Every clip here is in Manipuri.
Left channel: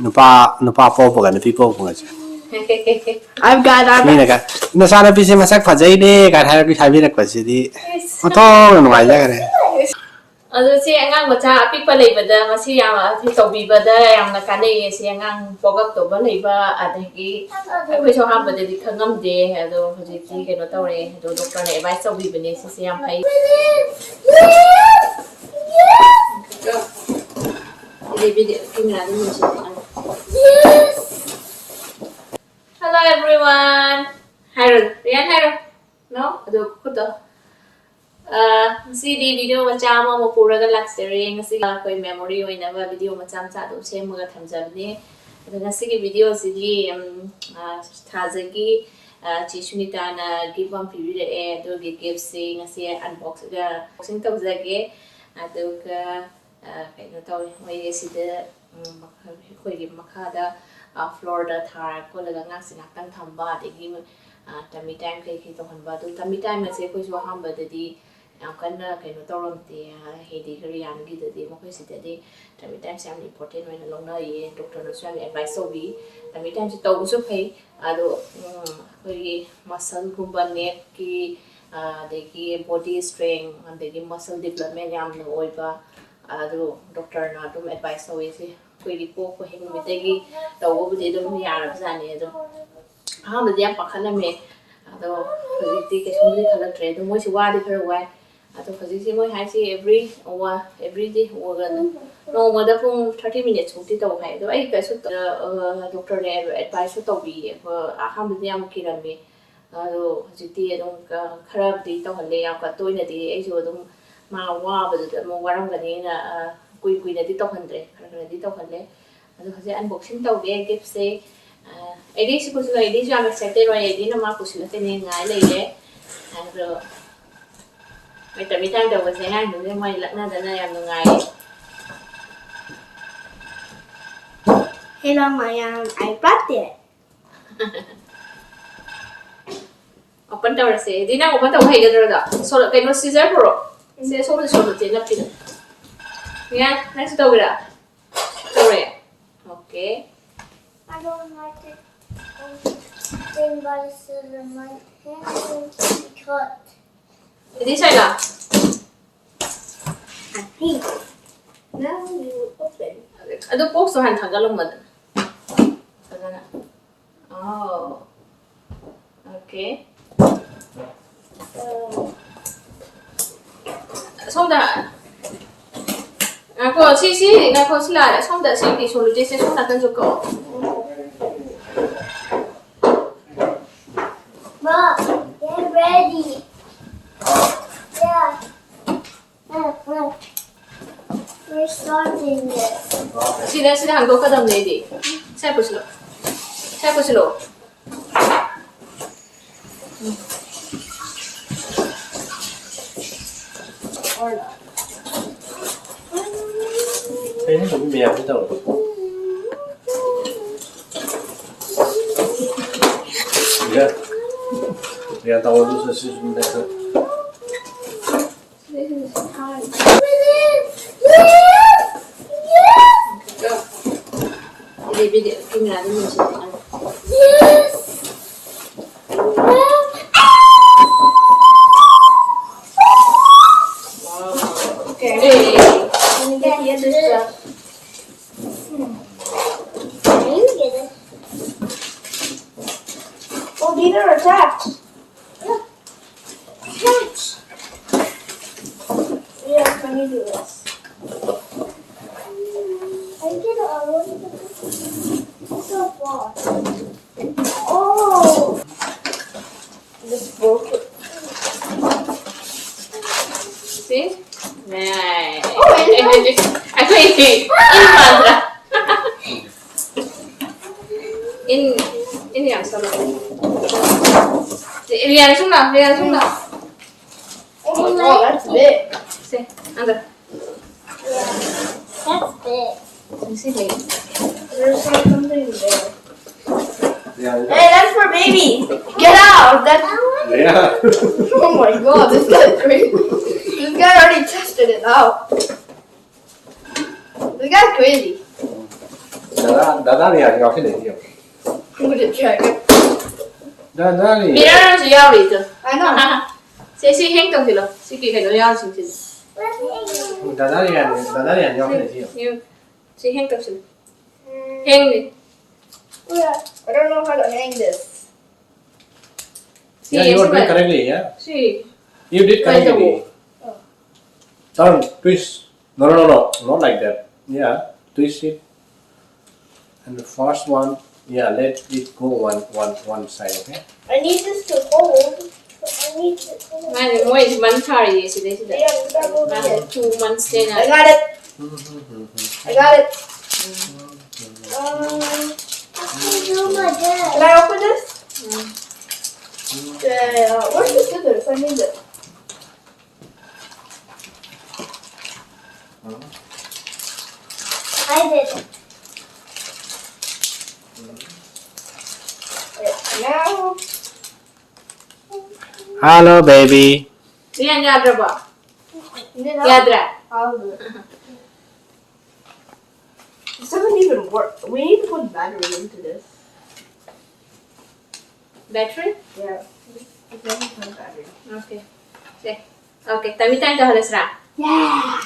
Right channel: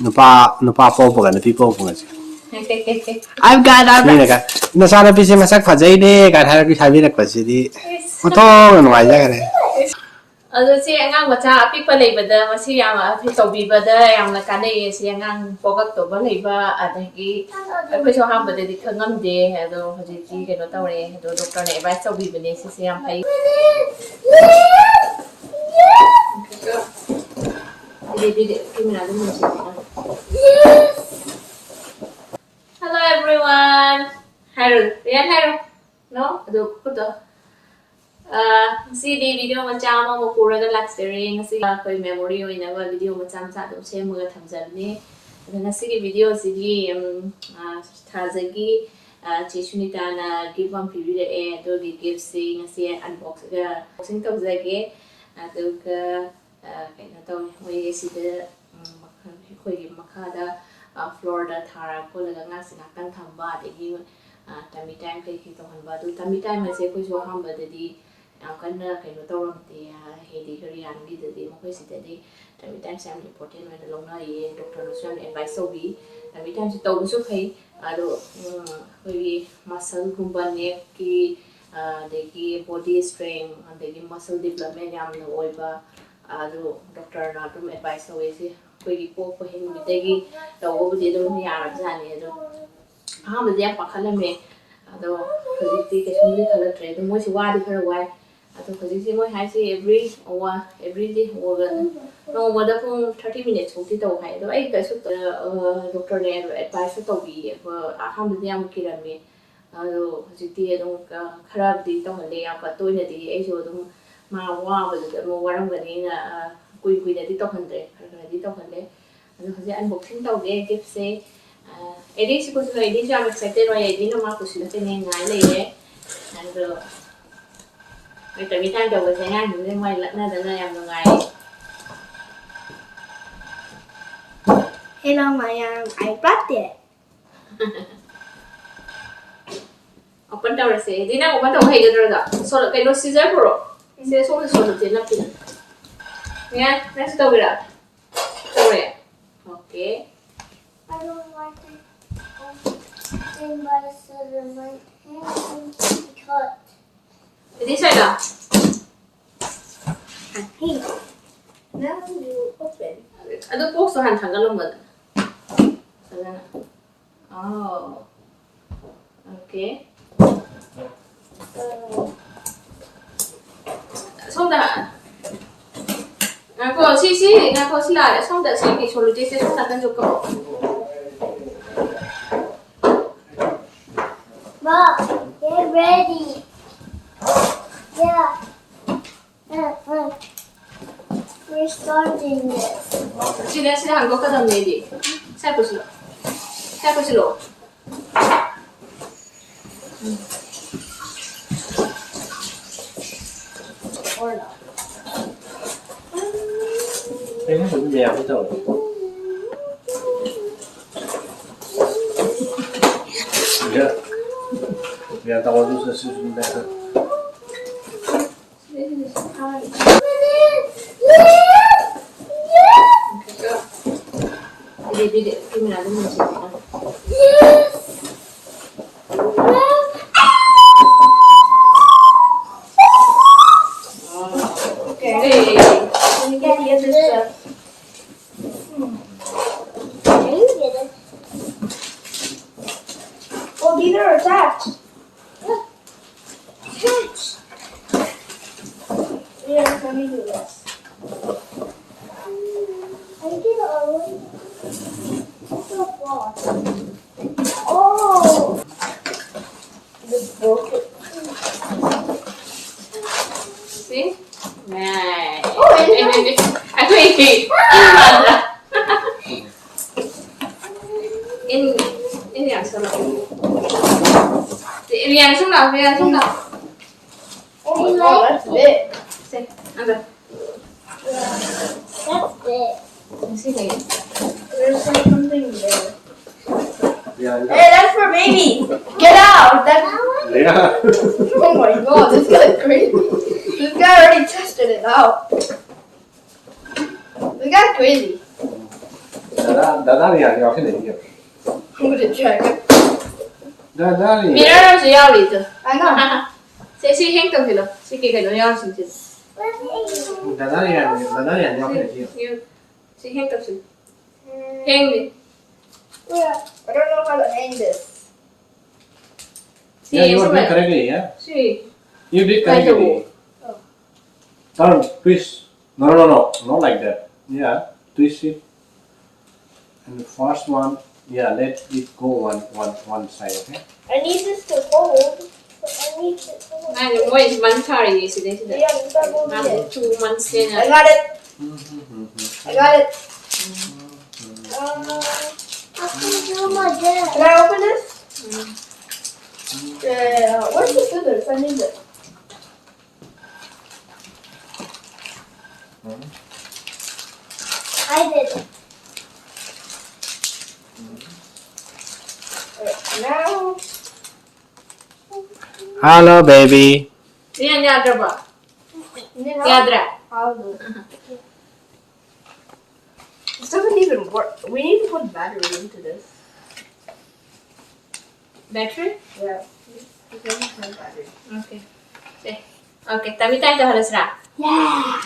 nupa popa nupi popa I've got nasana pisi masak fajai de ka thara pi thabi rak pasidi oto no mai jagare Ado si angang bacha pick pa leibada masi yama tobi bada yamna kanai si angang pogak to ba leiba adagi akoi so ham bada di khangam de ado haji ki keno tawre ado doctor ne advice tobi bane si yam phai Hello everyone. Haru, Rian Haru. No, ado kuto. Ngasi di video macam mo puraga luxury ngasi koi memory oina ba video macam sa dum semaga thamjabni ngasi ki video sidi Thaja gi Chishunita na give one period e do gi gift si ngasi unboxing tawjage aduga kaino taw moi sida koi gi makhada floor da thara ko laga ngasi nakang thamba degi tummy time kai ki to hanba do tummy time ase ko so hamba dadi Kana kaino tawramti hedi kariyan gi dadi mo kai sidadi tummy time sam important when along na ye doctor no swam advice obi tummy time si taw so phai ado koi muscle gumba neck ki degi body strength degi muscle development yam na oiba ado doctor na dum advice obi si koi gi po ko hingle mitegi taw obudi dum yarab jani ado hamadi yam pakhalame ado hojikti ke sumri khalatre do moi si wadi khara wai ado hojikti moi hai si every day organ no mada pung 30 minutes ukti taw hai do ai ka su doctor ne advice to bi hamadi yam kirame ado hojikti ado khara di to halle ya ka toina di ai so do ma wa ba da mo waram ga ni na kui na di to handre khara di to halle ado hoje unboxing to ge gift se Edi si kusi edi si I'm excited by edi na ma kusi na tene ngai le ye and mai tabi time da was ngai nu mai lak na da na yam ngai Hello my iPad there. Open tawra se edi na open taw hai ga da so kai no scissor pro se so te na pin ya next taw gira tawre okay I don't like it. Thing by scissor, my hand seems to be cut. edi sai la I think. Now you open. ado box so han thanga lom ba da oh okay sonda ngako si ngako sila sonda si ki solo je se sonda kan jo ko Mom, get ready. Yeah. We're starting this. sila hango ka dam ne di sai puslo Or not. Ini lebih biar aku tahu. Ya, biar tahu tu sesuatu itu. Jadi video kamera ni mesti Yes. okay Can you get this stuff? Can you get it? Oh, these are attached. Look. Attached. Yeah, let me do this. I get it all. So far. Oh! This broke it. see nice Oh, and aku ini ini yang salah Rian sung lang oh, that's big. see angkat Yeah, that's big. sini There's something there. Ya. Hey, that's for baby. Get out. That's. Ya. Oh my god, this guy's crazy. This guy already tested it out. This guy's crazy. 다다리 아니야 어떻게 되죠? With a dragon. 다다리. Mirror is your I know. She hang up here. She can do your thing. 다다리 아니야 어떻게 되죠? You. She hang up here. Hang it. I don't know how to hang this. Yeah, you were doing correctly, yeah. She. You did Like the correctly. Turn, twist. No, not like that. Yeah, twist it. And the first one, yeah, let it go one side, okay? I need this to hold. I need this. My boy is one party yesterday. Yeah, we gotta go After there. 2 months then. I got it. I got it. Can I open this? Where's the scissors? I need it. I did it. Now. Hello, baby. Rian yadra ba? Yadra. Yadra. I'll do it. This doesn't even work. We need to put battery into this. Battery? Yeah. It doesn't have battery. Okay. Okay. Tami tayo dah halas ra. Yeah.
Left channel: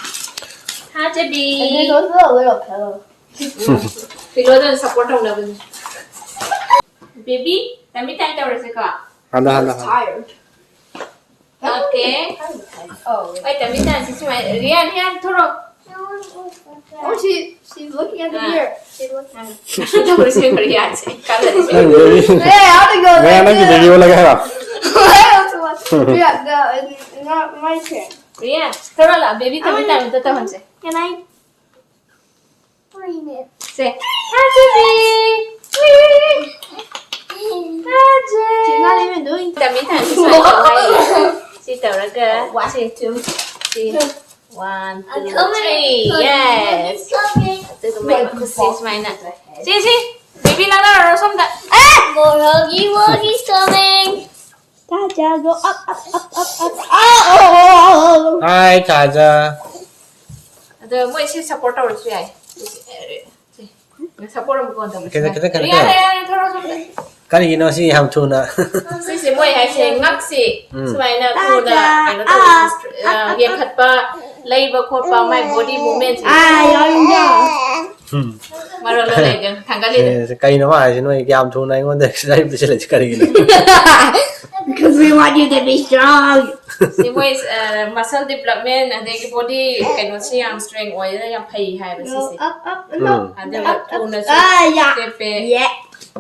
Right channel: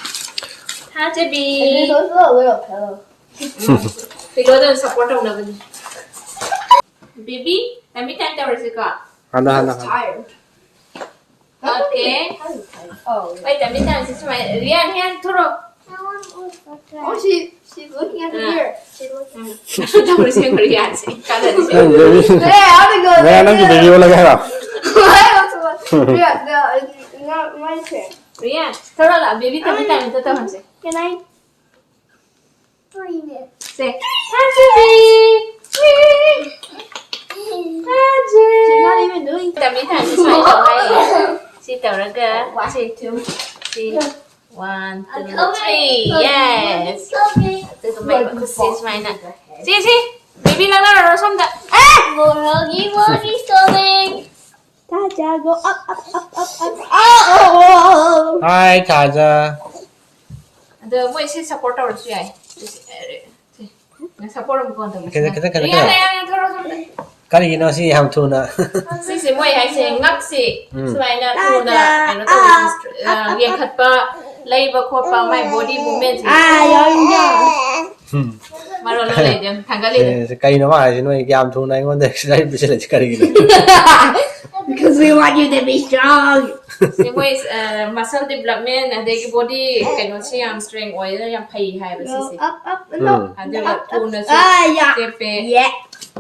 Ha And there's Jabi. also a little pillow. Pillow dan support ang laban. Baby, tami tayo dah halas ka. Anda. I'm tired. Okay. I'm tired. Oh. Wait, tami tayo si Sumay. Rian, thoro. Oh, she's looking at the mirror. She's looking. Ito halas mo Rian. Kada di siya. Yeah, I want to go Where there are you, too. baby? Wala ka. I also want. Yeah, no, it's not my turn. Rian, thoro la. Baby, tami tayo ito halas. Can I? Bring it. Say, ha Jabi. She's not even doing. Tami tayo si Sumay tao hay. Si tao ra ka. Si two. Si 1, 2, 3. Yes. Ito may kusis may na. Si. Baby lang na rosom da. More Huggy's coming. Thaja, go up. Oh! Hi, Thaja. Ada mo isi support or siya. Support mo ko Kita. Rian rosom da. Kali gino si ham tuna. Si mo ay siya ngak si. Sumay na ko da ano to. Yang khat pa labor ko pa my body movement. Maro lo le den tanggalin. Kali no ma, sino ay ham tuna ingon da exercise bisela kali gino. Because we want you to be strong. Si mo is muscle development and the body kay mo siya ang strength oil na yang pai hai ba si si. Up. No. Ada ba tu na si. Yeah. Kepe. Yeah.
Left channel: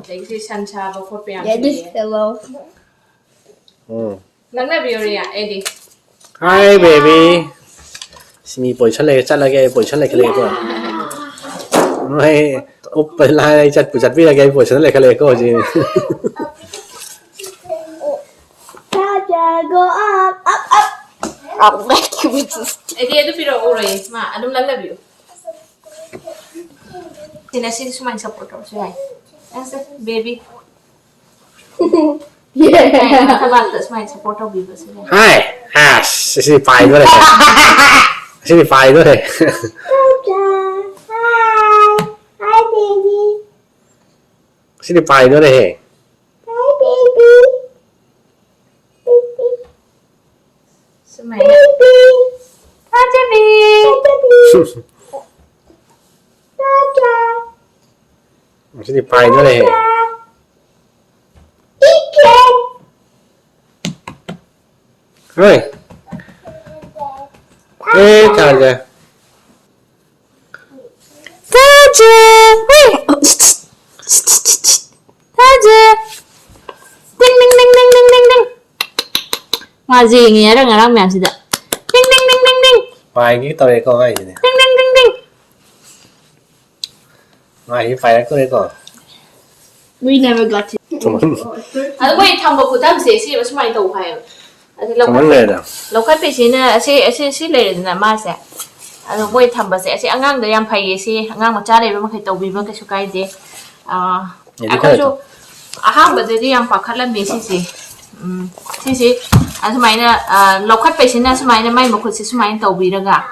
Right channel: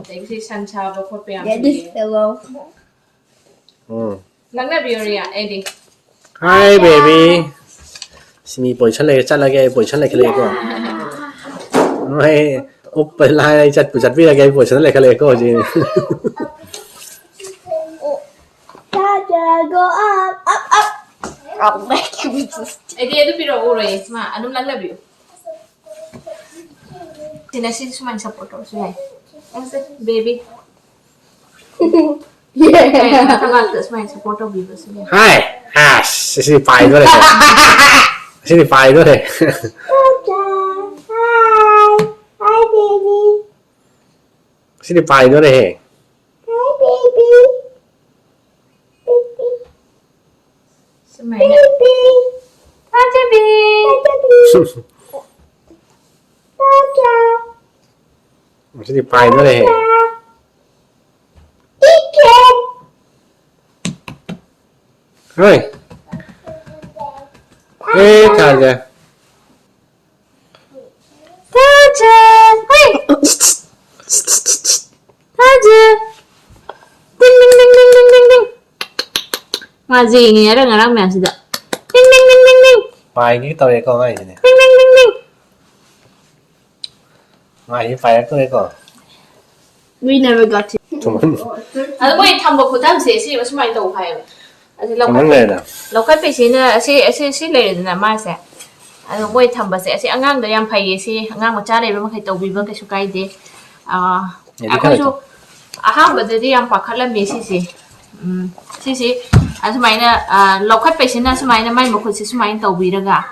Like si sancha ba ko pa yang. Yeah, this pillow. Nang na biya edi. Hi, baby. Simi boy chale kale ko. Noi up lai chat vi la boy chale kale ko ji. Thaja, go up. I'll make you with this. Edi edu piro uro eh. Ma anum lang na biyo. Tinasi sumay support or siya. As baby. Yeah. Nakabata sumay support or biyo siya. Hi. Sisi paiด้วยSisi paiด้วย Thaja, hi, baby. Sisi paiด้วย Hi, baby. Sumay na. Ha Jabi. Thaja. Sisi paiด้วย Chicken. เฮ้ยThaja Hey! Thaja! Ding ding ding ding ding ding ding. Mà gì nghe đó người làm mèo gì đó. Ding ding ding ding ding. ไปกี่ตัวเองก็ให้สิเนี่ย Ding ding ding ding. มาอีไฟแล้วก็เลยก่อน We never got to. À lúc này thằng bố của ta sẽ sẽ bắt máy đầu phải. À thì มันเลยนะ lâu khách bị xin là sẽ lấy là mà sẽ. À lúc này thằng bố sẽ ăn ngang được em phải sẽ ăn ngang một cha này mà phải đầu bị cái số cái gì. À có chú ham bữa thì em phải khát là mấy xí. Xí. À số máy là lâu khách bị xin là số máy là máy một con số máy đầu bị ra cả.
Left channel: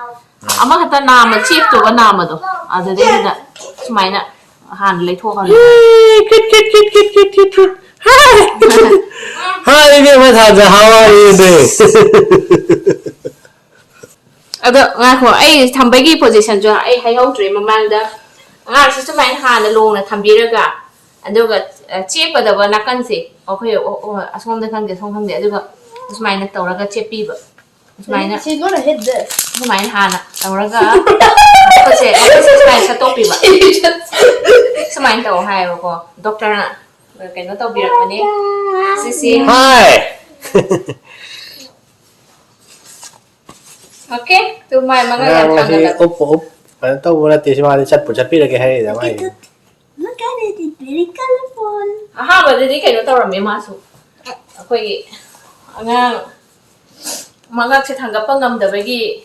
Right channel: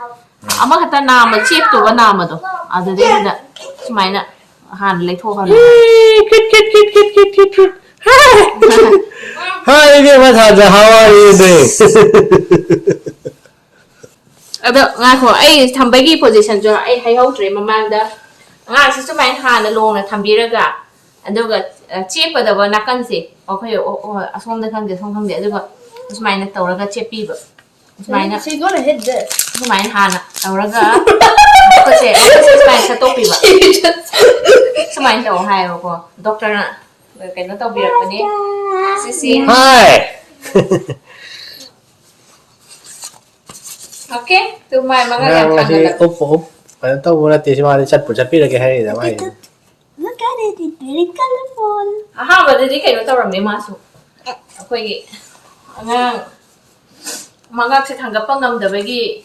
À mà cái ta nào mà chip tụi nó nào mà đâu. À thì đấy là số máy là Han lấy thua con Hi, give Thaja. How are you today? ngay của ai thầm cái position cho ai hay hậu trời mà mang đó ngay chỉ số máy Han là luôn là thầm đi được cả đó cái chép vào đó là căn gì ok xong đây thằng để xong thằng để được số máy là tàu là cái chép pi vậy số máy là She's gonna hit this. số máy Han à tàu là cái số máy sẽ tốt pi vậy số máy tàu hay rồi cô doctor nè cái nó tàu bị cái này xí Hi. ok tụi mày mà ngay làm thằng Thì này úp. Tao là tí mà chặt pi là cái hay đấy mày. Look at it, it's very colorful. aha mà đi cái nó tàu là mấy mà số cái ngang mà ngay sẽ thằng gặp con ngầm được cái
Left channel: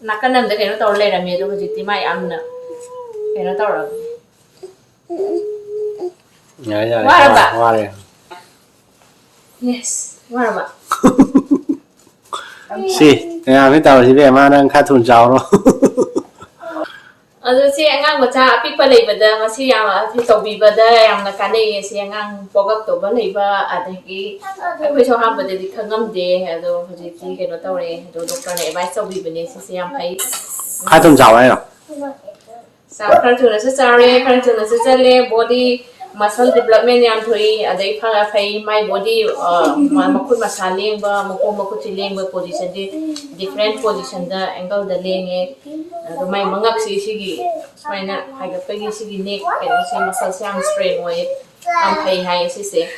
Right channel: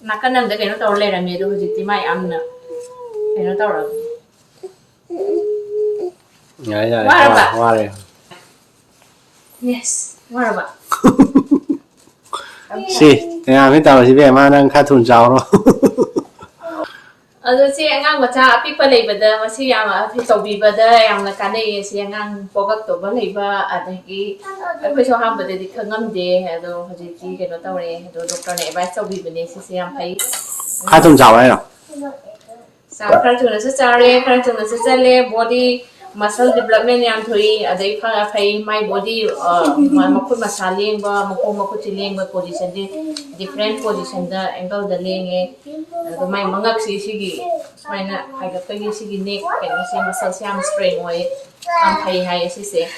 nãy cái nằm được cái nó tàu lên là mấy đâu chỉ mai ăn nè cái nó tàu là Nhảy nhảy. Quá rồi bạn. Quá rồi. yes quá rồi bạn Si, cái tàu chỉ biết mà đang khát thun giàu rồi. rồi chị ngang bữa cha pick vào lấy bữa đó mà chị mà thì tàu bị bữa đó em là cái này chị ngang bỏ các tàu vào lấy và ở đây cái bây giờ ham bữa thì không ngâm đi rồi chị cái nó tàu này rồi doctor này bài tàu bị bữa này chị em thấy Khát thun giàu đấy nào. sao khăn chụp nó sẽ chare khăn chụp nó sẽ chale body muscle development yang thui adai pha phai my body ma khut ma saling ba ma khut chiling ba position di different position da angle da lenge to mai mangak si gi mai na hai ga pegi si gi neck ke si muscle siam strain way am phai hai si se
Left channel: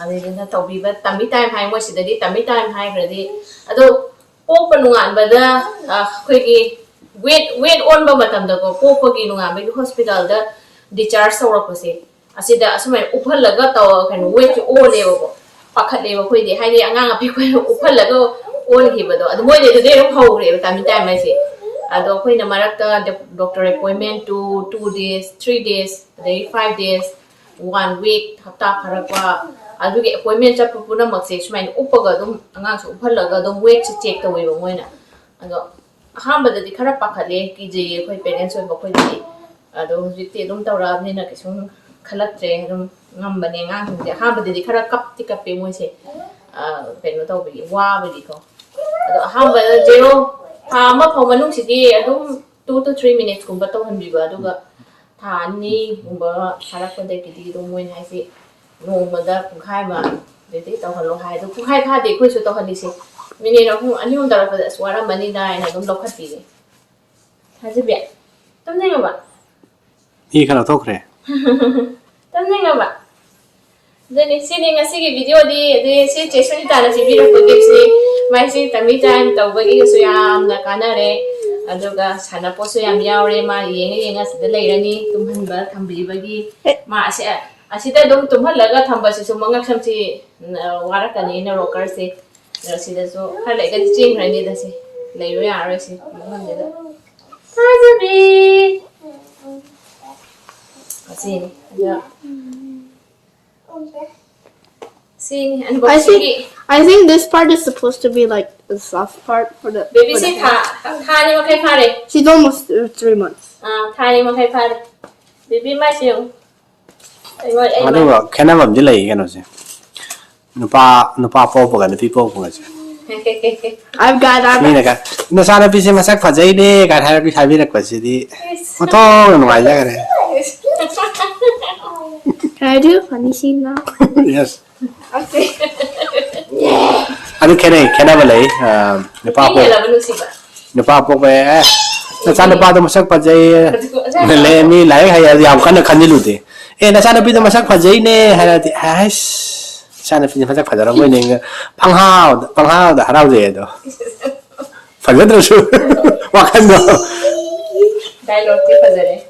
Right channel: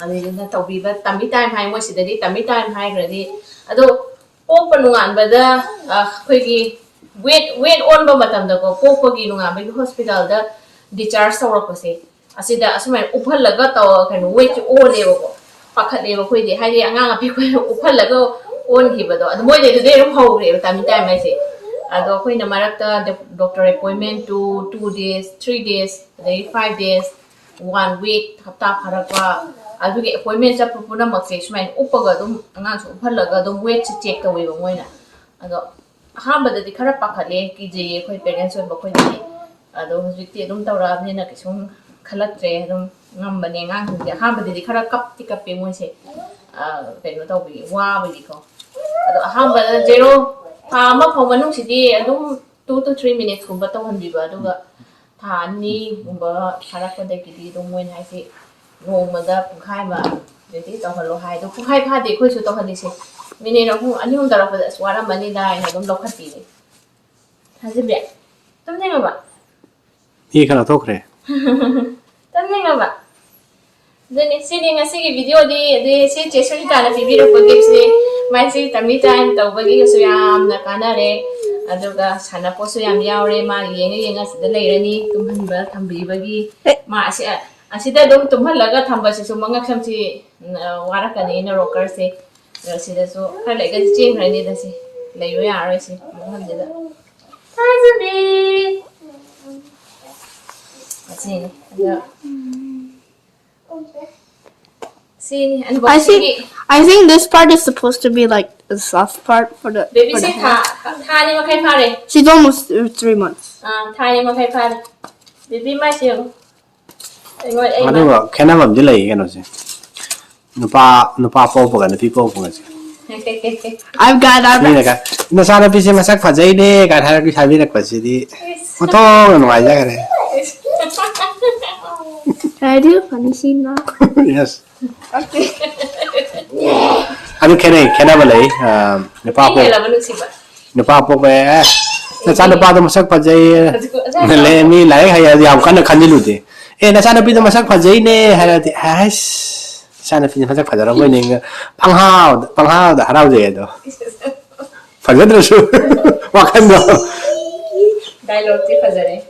adai na to bi ba tambi time hai mo si da di tambi time hai gra di ado po panungan ba da khoi gi weight on ba matam da ko po gi nunga bi hospital da discharge saurakpase asida asumai uphalaga taw kan weight o lewo pakhalewo khoide haide angang api khoi uphalaga on hibado adu moi de rum hogre time time se ado khoi na marakta doctor appointment to 2 days 3 days day 5 days 1 week hapta pharakwa adu ge appointment cha puna makse sumai upaga dum angang su uphalaga dum weight check tawe ba moi na ado hamba de khara pakhale ki je khoi parents oi ba khoi de ado hujikti dum tawra ni na kisum khalatre dum ngam bane ngang thung ha ba di khara kap ti kap pe moi se pe no taw bi wa ba di ko ado ha ba zero ha ma pho manung si di adum 2 to 3 minutes kum ba taw han bi ba do ga tha ni kum ba khara ko de ki di dum moi hai se ngom ma da pung khai ma de ti taw halo hai do pung khai pha de ko su taw han ni se mini no hu ani hum dara fa swara mani dai na dum lo khat pi de ha je be tam ne ma ba Ini kan auto kre. Tanding nga ba? Then sige nga sige video di si Jason ta na video ko gives ni mai si tami time taw bagi so yam na kanare aduga sana po so yam yaure ma yenga sida leirani tumhan ba thambi bagi ma asida dum tumhan laga thamba si sumanga khamsi wara kani na rocker se sida so khale ga ching rani da si leiro ya ro si mohon da Hazabi Sini, ada. Sini, ano ba? I think this part is supposed to be like the soft part for the Baby for the say hand. tha ni makai pare. She's almost 3 months. Tha ni makai pare. Baby mai siêu. Ai Ada ba? Kena ba mjela yi kan ose. Nupa po kan nupi po kan ose. I've got Ini kan. Na sana pisi masak fajai de kan har pi thabi rak pasi di. Oto no mai ja kare. Can I do a funny scene now? Yes. Okay. Ano kena ba lai? Nupa po. Ini lah manusia ba. Nupa po ba. Na sana pa to masak fajai. Le ni lai hai ya am kan khan jilu de. Na sana pi to masak fajai ne har di. Has. Sana pi masak fajara mo ne. Panghao da harau je do. Fajadro su. Wakan do. Dialogue tu fazare.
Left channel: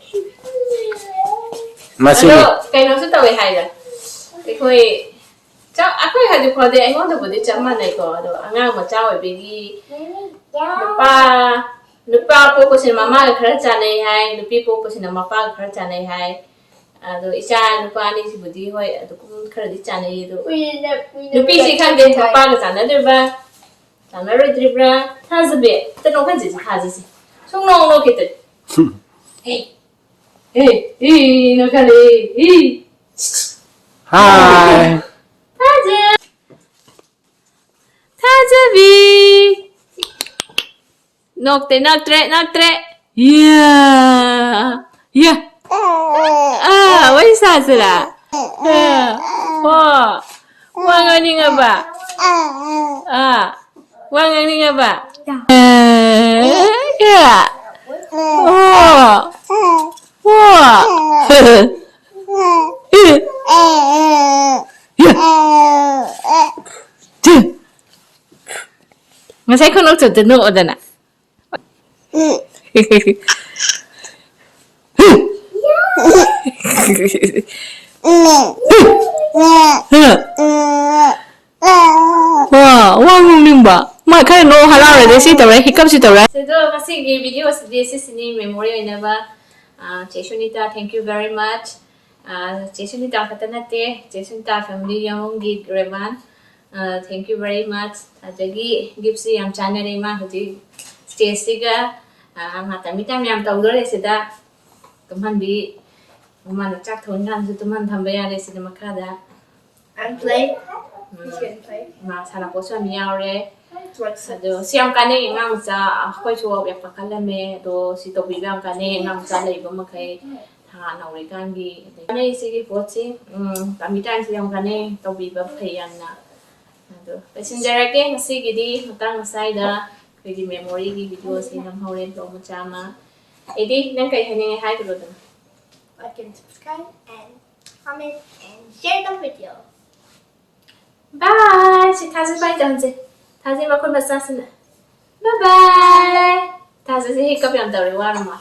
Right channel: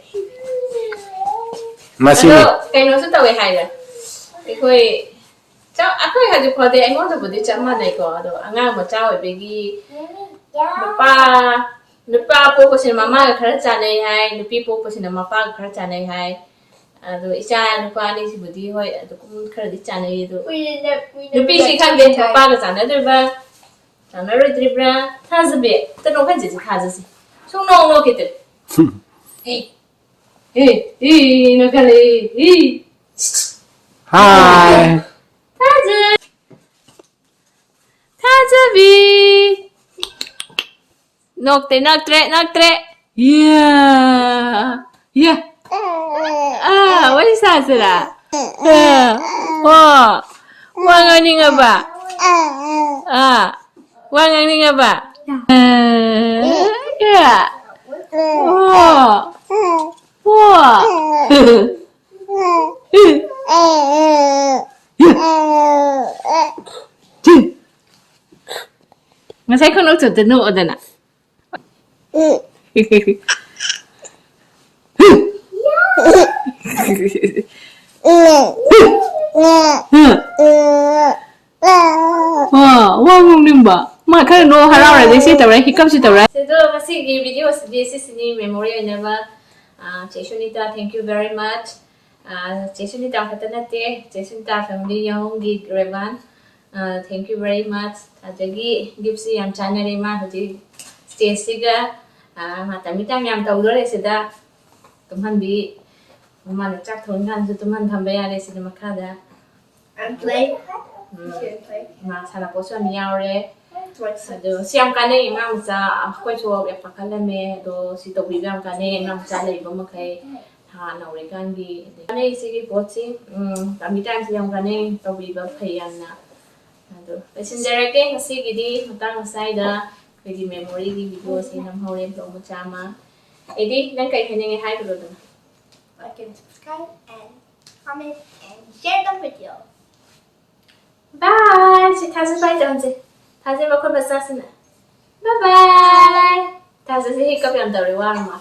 Masih. Kayak nasi tahu hai dah. Koi, aku yang ada kode, aku ada budi cakap mana ko, aduh, angang macam bagi. Nupa po ko sin mama khara chane hai, nupi po ko sin mama khara chane hai. Aduh, isa nupa ni si budi hoi, aduh kum khara di chane itu. Nupi si kan dia mama ka chane tu ba. Chane ri dribra, thazbe. Tu nong kan jadi thazasi. Sung nong kita. Hey. no Halle. Hi. Thaja bi. Nok tre. Yeah. What is that? Wow. Wangan nga ba? Wangan nga ba? Yeah. Masay ko nung tutunood na. Wang nung ba? Ma kaya no haraore de si tawre hikap si tawre. So kasi video this is ni memory na ba. Chesunita, thank you very much. Chesunita katanate, Chesunita family yang gig revan. Thank you very much. Echagi gipsi am channel ma haji stage siga mata mita yam tawdore sida tumhan bi mana chak thon kan tumhan thambaya le sida makada. And play. Ma sara poso miaure. So siam kane ngam sa khoi chuo yak pakalame do sito bibam kane ngam sa le bo makai tha na ri kan bi ne sigi pochi pamitan siam kane to biba phayan na do passenger ke ngasi gidi matang sai da kidi memory gi video si nam hore do machama edi nang kai hene hai do do Like and subscribe and comment and share the video. bye si Thaja bye down je Thaja ma kon basa sina bye bye Thaja si hikap yam tawre wa ma